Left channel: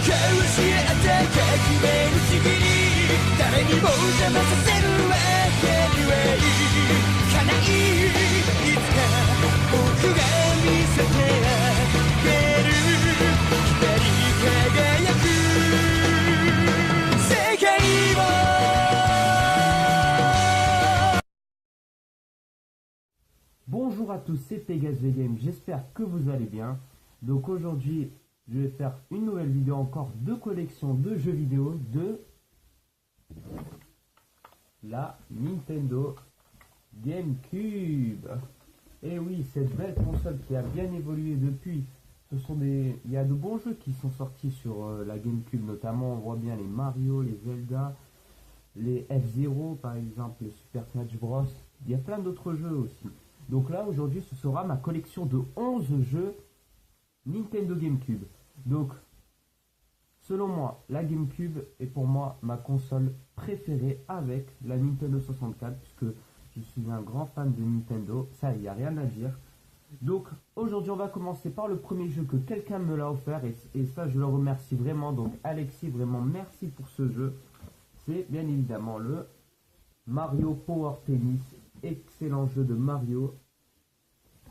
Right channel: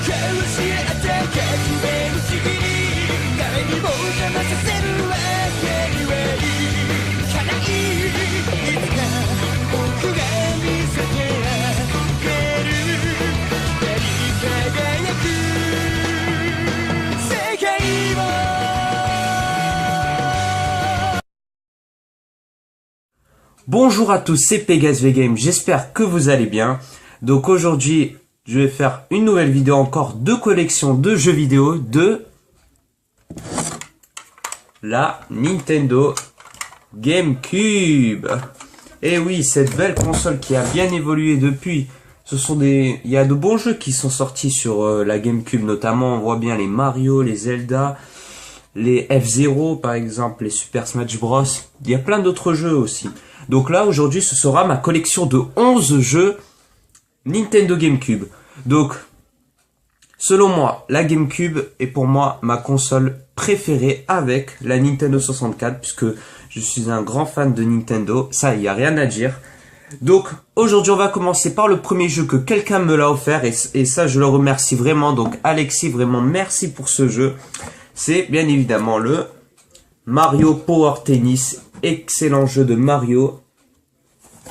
教え合って革命の次に誰にも邪魔させるわけにはいかないいつか僕が見せてあげる光り輝く世界を。Bonjour à tous, c'est Pegas V Game, j'espère que vous allez bien. Donc aujourd'hui, je vais faire une nouvelle vidéo encore de collection de jeux vidéo de la Nintendo GameCube. Et oui, cette belle console qui a bien évolué depuis. Il y a de bons jeux qui sont sortis sur la GameCube, notamment on voit bien les Mario, les Zelda, les F-Zero par exemple, les Super Smash Bros. Il y a plein d'autres jeux aussi. Donc là, aujourd'hui, ce sera ma collection de 11 jeux Nintendo GameCube. Donc, selon moi, la GameCube est pour moi ma console préférée avec la Nintendo 64, puisque je suis un grand fan de Nintendo. Ça, il n'y a rien à dire. Donc, aujourd'hui, on va commencer par le premier jeu que quelqu'un me l'a offert, et ça, je le remercie vraiment. Donc, Alexis, vraiment, merci pour ce jeu. C'est bien évidemment le Mario Power Tennis. Excellent jeu de Mario.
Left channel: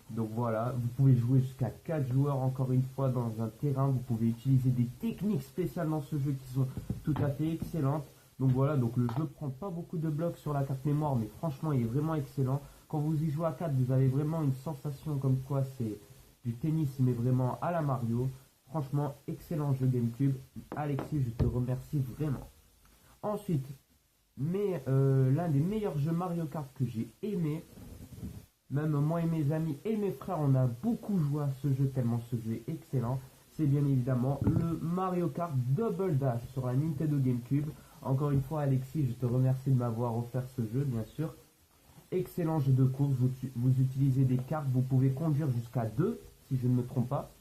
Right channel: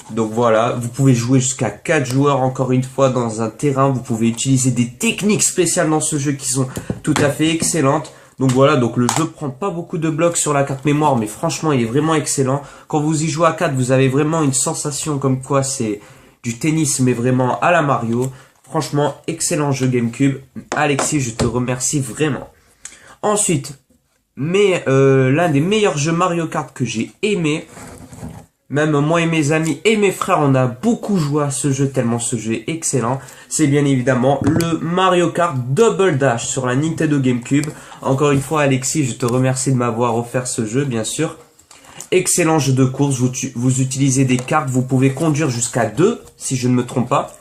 Donc voilà, vous pouvez jouer jusqu'à 4 joueurs encore une fois dans un terrain. Vous pouvez utiliser des techniques spéciales dans ce jeu qui sont tout à fait excellentes. Donc voilà, donc le jeu prend pas beaucoup de blocs sur la carte mémoire, mais franchement il est vraiment excellent. Quand vous y jouez à 4, vous avez vraiment une sensation comme quoi c'est du tennis mais vraiment à la Mario. Franchement, excellent jeu GameCube. Alexis, je te remercie vraiment. Ensuite, l'un des meilleurs jeux Mario Kart que j'ai aimé, même moi et mes amis et mes frères, on a beaucoup joué à ce jeu tellement ce jeu est excellent. C'est bien évidemment le Mario Kart Double Dash sur la Nintendo GameCube. Encore une fois, Alexis, je te remercie de m'avoir offert ce jeu, bien sûr. Excellent jeu de course, vous utilisez des cartes, vous pouvez conduire jusqu'à 2, si je ne me trompe pas.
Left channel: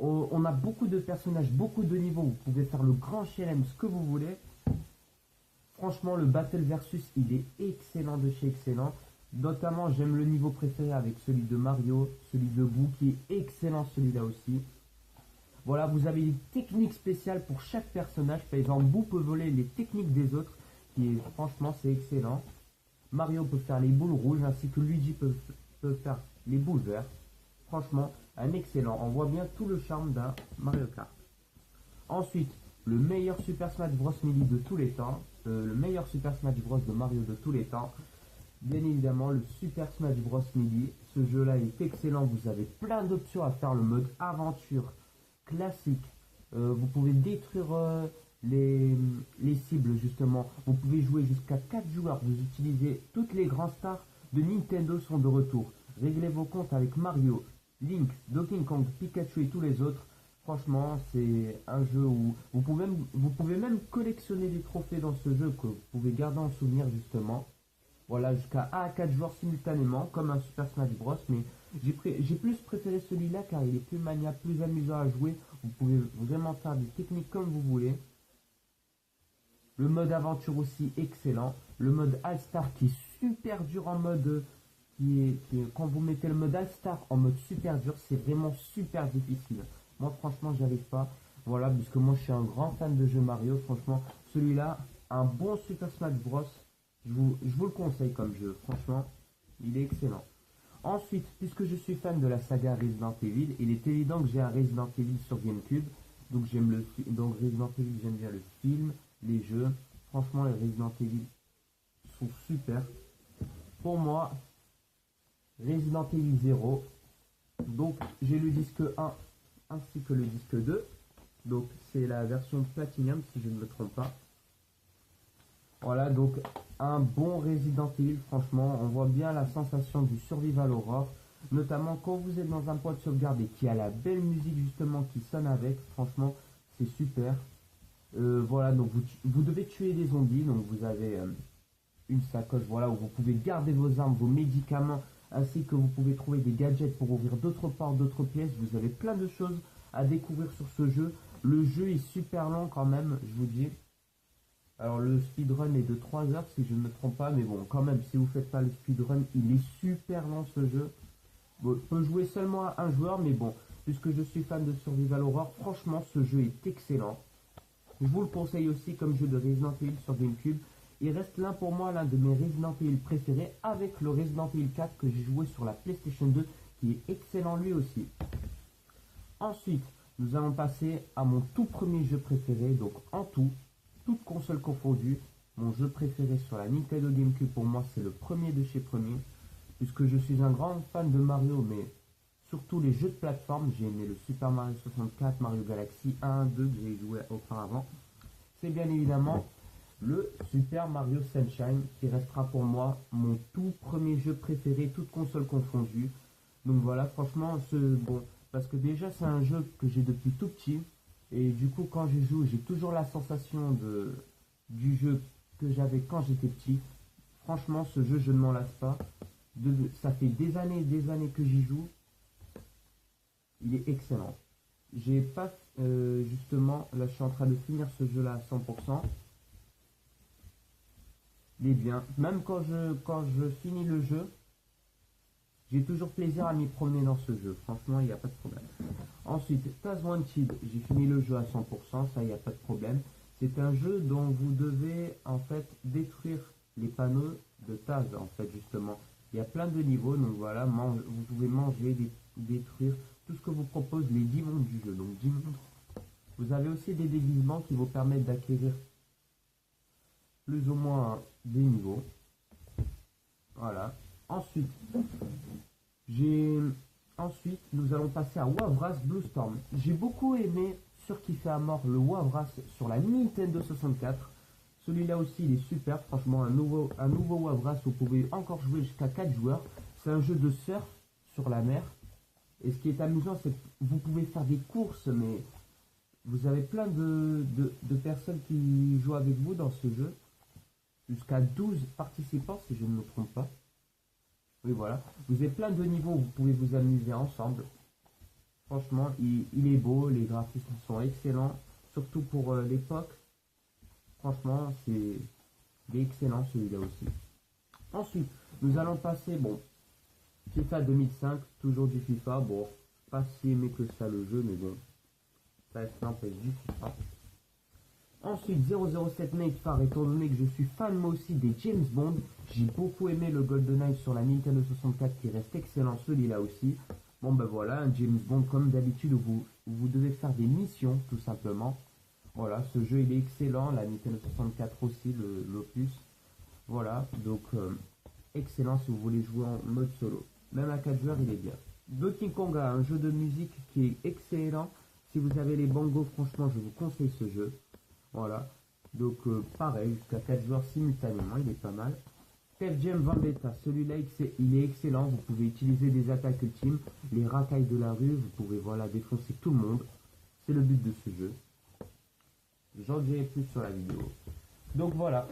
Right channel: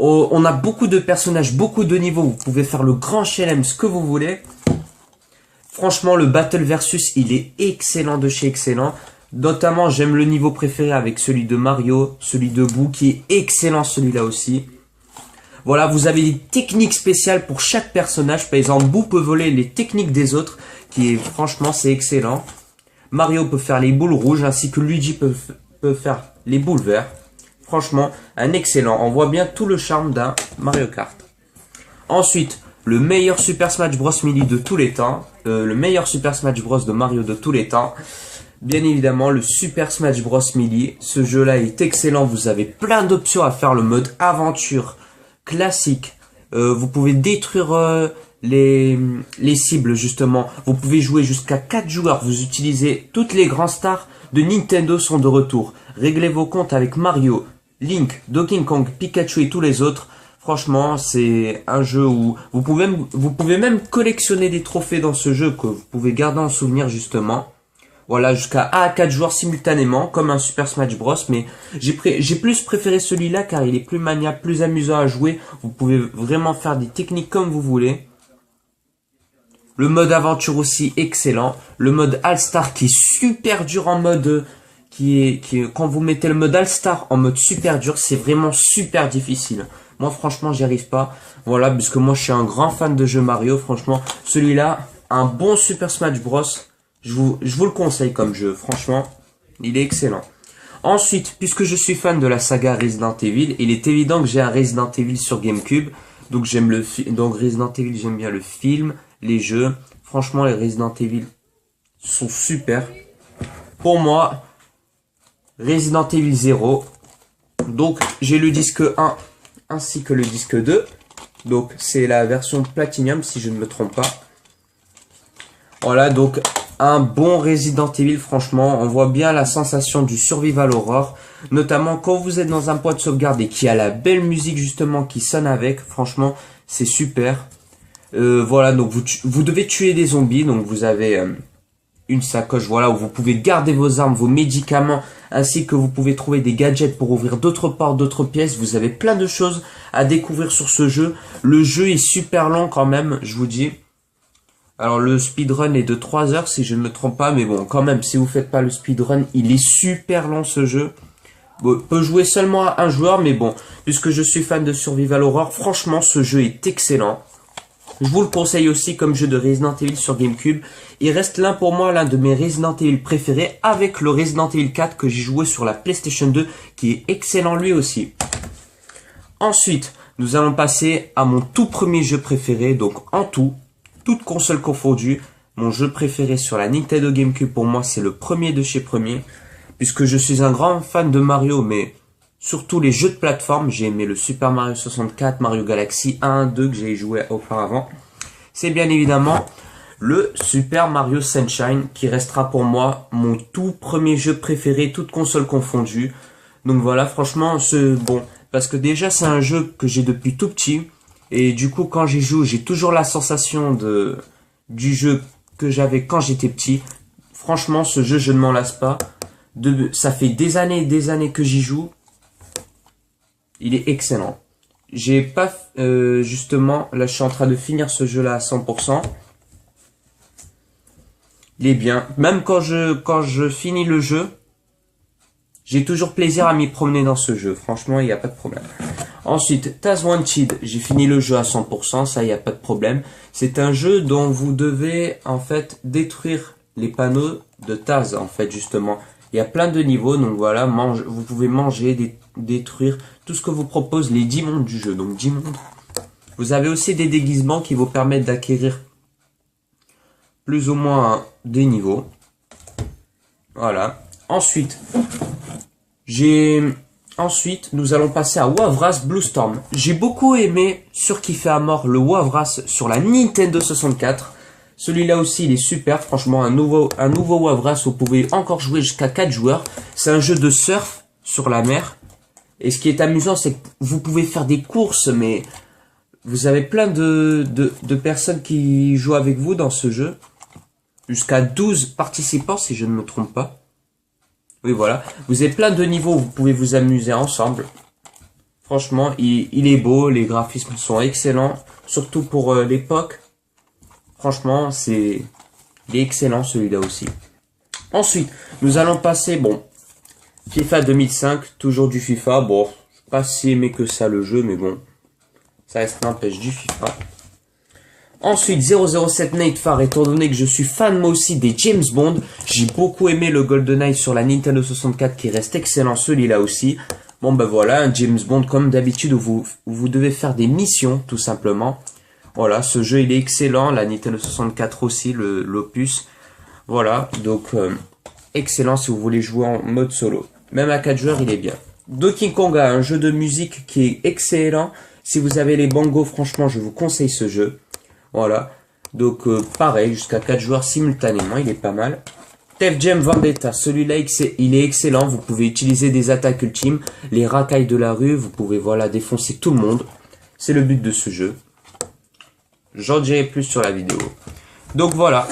On a beaucoup de personnages, beaucoup de niveaux, vous pouvez faire le grand chelem, ce que vous voulez. Franchement, le Battle Versus, il est excellent de chez excellent. Notamment, j'aime le niveau préféré avec celui de Mario, celui de Boo, qui est excellent celui-là aussi. Voilà, vous avez des techniques spéciales pour chaque personnage. Par exemple, Boo peut voler les techniques des autres, franchement, c'est excellent. Mario peut faire les boules rouges, ainsi que Luigi peut faire les boules vertes. Franchement, un excellent. On voit bien tout le charme d'un Mario Kart. Ensuite, le meilleur Super Smash Bros. Melee de tous les temps. Le meilleur Super Smash Bros. De Mario de tous les temps. Bien évidemment, le Super Smash Bros. Melee. Ce jeu-là est excellent. Vous avez plein d'options à faire. Le mode aventure classique. Vous pouvez détruire les cibles, justement. Vous pouvez jouer jusqu'à 4 joueurs. Vous utilisez toutes les grands stars de Nintendo sont de retour. Réglez vos comptes avec Mario, Link, Donkey Kong, Pikachu et tous les autres. Franchement, c'est un jeu où vous pouvez même collectionner des trophées dans ce jeu que vous pouvez garder en souvenir justement. Voilà, jusqu'à 1 à 4 joueurs simultanément, comme un Super Smash Bros. Mais j'ai plus préféré celui-là car il est plus maniable, plus amusant à jouer. Vous pouvez vraiment faire des techniques comme vous voulez. Le mode aventure aussi excellent. Le mode All-Star qui est super dur en mode... quand vous mettez le mode All-Star en mode super dur, c'est vraiment super difficile. Moi, franchement, j'y arrive pas. Voilà, puisque moi, je suis un grand fan de jeux Mario. Franchement, celui-là, un bon Super Smash Bros. Je vous le conseille comme jeu. Franchement, il est excellent. Ensuite, puisque je suis fan de la saga Resident Evil, il est évident que j'ai un Resident Evil sur GameCube. Donc, Resident Evil, j'aime bien le film, les jeux. Franchement, les Resident Evil sont super. Pour moi, Resident Evil 0. Donc, j'ai le disque 1 ainsi que le disque 2. Donc, c'est la version Platinum si je ne me trompe pas. Voilà, donc un bon Resident Evil, franchement. On voit bien la sensation du Survival Horror. Notamment quand vous êtes dans un point de sauvegarde et qu'il y a la belle musique justement qui sonne avec. Franchement, c'est super. Voilà, donc vous devez tuer des zombies. Donc, vous avez... une sacoche, voilà, où vous pouvez garder vos armes, vos médicaments, ainsi que vous pouvez trouver des gadgets pour ouvrir d'autres portes, d'autres pièces. Vous avez plein de choses à découvrir sur ce jeu. Le jeu est super long quand même, je vous dis. Alors le speedrun est de 3 heures si je ne me trompe pas, mais bon, quand même, si vous faites pas le speedrun, il est super long ce jeu. peut jouer seulement à un joueur, mais bon, puisque je suis fan de Survival Horror, franchement, ce jeu est excellent. Je vous le conseille aussi comme jeu de Resident Evil sur GameCube. Il reste pour moi l'un de mes Resident Evil préférés avec le Resident Evil 4 que j'ai joué sur la PlayStation 2 qui est excellent lui aussi. Ensuite, nous allons passer à mon tout premier jeu préféré. Donc en tout, toutes consoles confondues, mon jeu préféré sur la Nintendo GameCube pour moi c'est le premier de chez premier. Puisque je suis un grand fan de Mario mais surtout les jeux de plateforme, j'ai aimé le Super Mario 64, Mario Galaxy 1, 2 que j'ai joué auparavant. C'est bien évidemment le Super Mario Sunshine qui restera pour moi mon tout premier jeu préféré, toutes consoles confondues. Donc voilà, franchement, bon, parce que déjà c'est un jeu que j'ai depuis tout petit. Et du coup, quand j'y joue, j'ai toujours la sensation du jeu que j'avais quand j'étais petit. Franchement, ce jeu, je ne m'en lasse pas. Ça fait des années et des années que j'y joue. Il est excellent. J'ai pas... justement, là je suis en train de finir ce jeu là à 100%. Il est bien. Même quand je finis le jeu, j'ai toujours plaisir à m'y promener dans ce jeu. Franchement, il n'y a pas de problème. Ensuite, Taz Wanted. J'ai fini le jeu à 100%. Ça, il n'y a pas de problème. C'est un jeu dont vous devez en fait détruire les panneaux de Taz en fait justement. Il y a plein de niveaux, donc voilà, vous pouvez manger, détruire tout ce que vous propose les 10 mondes du jeu. Donc 10 mondes. Vous avez aussi des déguisements qui vous permettent d'acquérir plus ou moins des niveaux. Voilà. Ensuite, nous allons passer à Wavras Blue Storm. J'ai beaucoup aimé, surkiffé à mort, le Wavras sur la Nintendo 64. Celui-là aussi, il est super. Franchement, un nouveau Wavras, vous pouvez encore jouer jusqu'à 4 joueurs. C'est un jeu de surf sur la mer. Et ce qui est amusant, c'est que vous pouvez faire des courses, mais vous avez plein de personnes qui jouent avec vous dans ce jeu. Jusqu'à 12 participants, si je ne me trompe pas. Oui, voilà. Vous avez plein de niveaux, vous pouvez vous amuser ensemble. Franchement, il est beau, les graphismes sont excellents. Surtout pour l'époque. Franchement, il est excellent celui-là aussi. Ensuite, nous allons passer, FIFA 2005, toujours du FIFA. Bon, je suis pas si aimé que ça le jeu, mais bon, ça reste n'empêche du FIFA. Ensuite, 007 Nightfire, étant donné que je suis fan moi aussi des James Bond, j'ai beaucoup aimé le GoldenEye sur la Nintendo 64 qui reste excellent, celui-là aussi. Bon ben voilà, un James Bond comme d'habitude où vous devez faire des missions tout simplement. Voilà, ce jeu il est excellent, la Nintendo 64 aussi, l'opus. Voilà, donc excellent si vous voulez jouer en mode solo. Même à 4 joueurs il est bien. Donkey Konga, un jeu de musique qui est excellent. Si vous avez les bongos, franchement je vous conseille ce jeu. Voilà, donc pareil, jusqu'à 4 joueurs simultanément, il est pas mal. Def Jam Vendetta, celui-là il est excellent, vous pouvez utiliser des attaques ultimes, les racailles de la rue, vous pouvez voilà défoncer tout le monde. C'est le but de ce jeu. J'en dirai plus sur la vidéo. Donc voilà,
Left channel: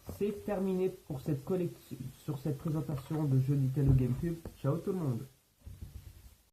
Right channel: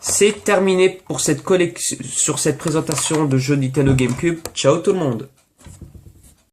c'est terminé pour cette présentation de jeux Nintendo GameCube. Ciao tout le monde.